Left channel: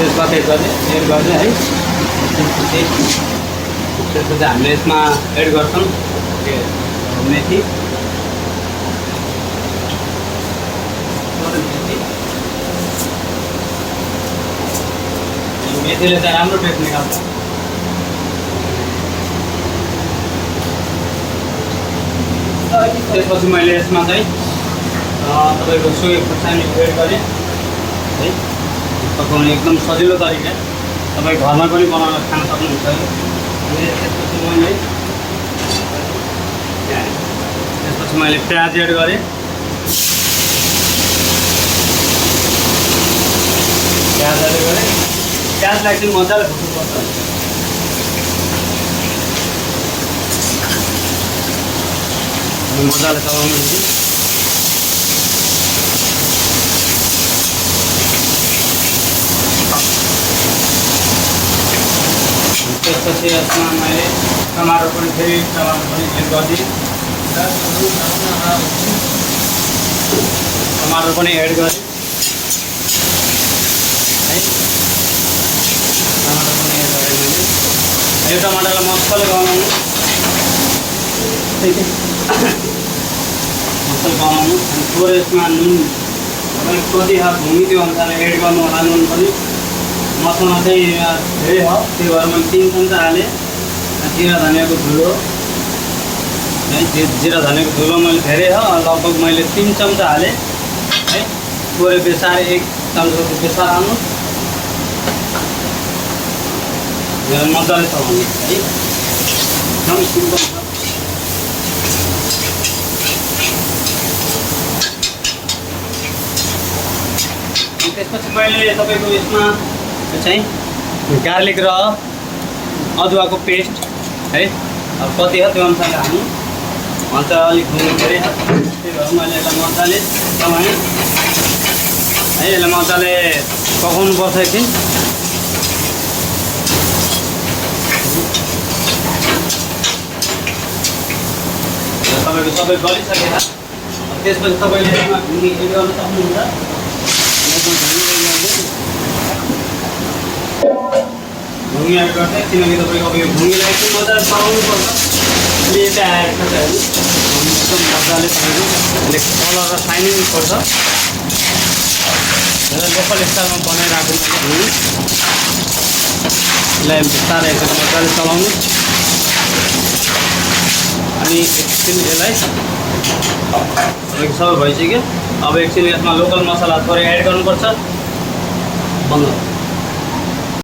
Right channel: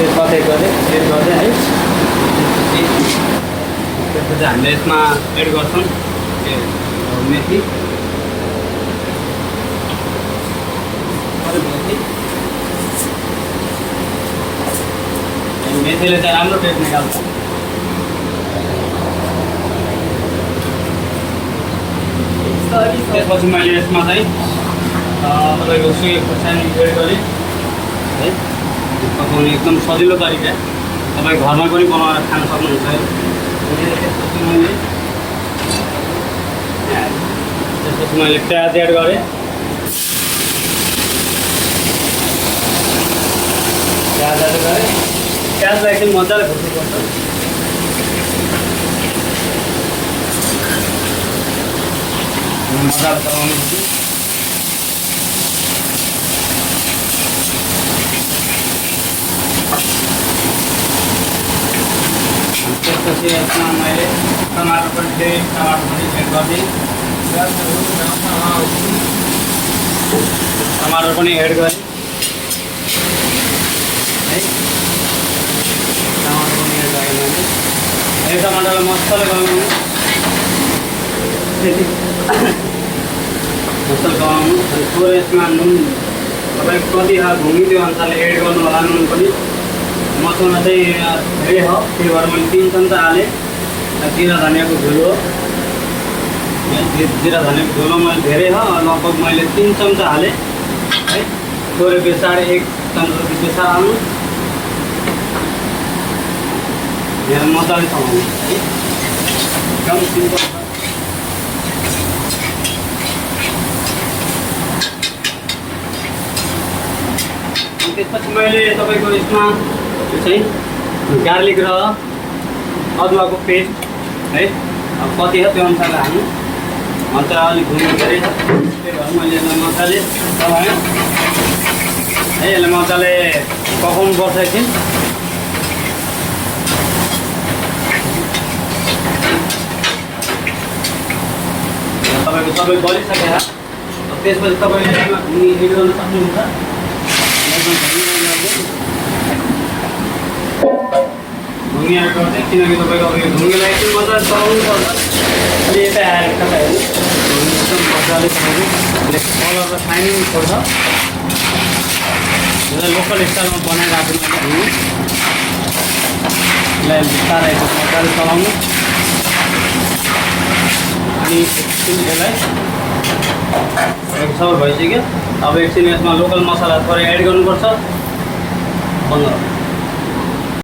तेजपात एड गरेँ है। त्यसपछि हामीले यसमा एड गर्छौँ मेथी। मेथीले चाहिँ राम्रो टेस्ट निकाल्छ। त्यसपछि मैले यसमा चाहिँ तपाईँको सोया खोर्सानी एड गरेँ है। पकाउने एकदम सजिलो तरिका, तपाईँ घरमा पनि बनाएर खान सक्नुहुन्छ है। त्यसपछि मैले प्याज एड गरेँ। प्याजलाई चाहिँ मजाले भुट्नुपर्छ। मजाले चलाउनु पर्छ। त्यसपछि यसमा मैले टमाटर पनि एड गरिदिएँ। टमाटर पनि एड गरेँ है। टमाटर पनि एड गरेँ मैले। यो टमाटरलाई मसाला बनाउनु थोरै यसमा नुन तपाईँ कति घुम्यो त्यो अनुसारले एड गर्नु होला। नुन पनि मसला चाहिँ धेरै हो, त्यही भएर मैले 3 चम्चा हालेँ। जिरा धनियाँको धुलो है, जिरा धनियाँको धुलो मैले धेरै हो, लगभग मैले 3 चम्चा हालेँ है। थोरै बेसार 1 चम्चा बेसार हाल्नु। मेरो मजाले चलाउनु है, एकदम सिम्पल। त्यसपछि मैले तपाईँको यसमा चाहिँ गार्लिक र अदुवाको पेस्ट है, अब कति हो त्यो अनुसारले हाल्नु। अन्त अलिक घुम्नु पऱ्यो, त्यही भएर मैले यसलाई मजाले चलाएँ है। यसलाई मजाले पकाउनु पर्छ एकछिन। तपाईँको सबै गलिसकेर त्यसपछि तपाईँले यसमा घुमी एड गर्न सक्नुहुन्छ। घुमी एड गर्दै, किनकि तपाईँको अब यो घुमीलाई चाहिँ मजाले चलाउनु पर्छ। अहिले यता आएर कता हेर्नु एकदम मजाले चलाउनु, कलर र साइनिङ पर्छ। यसलाई लोकल स्टाइलमा बनाइराख्नु घुमी। यसलाई बिस्तारै मजाले चलाउनु। अनि एकछिन यसलाई सबै भइसक्यो। अब एकछिन यसमा लोकल मसला थोरै एड गर्नुपर्छ। बन्द।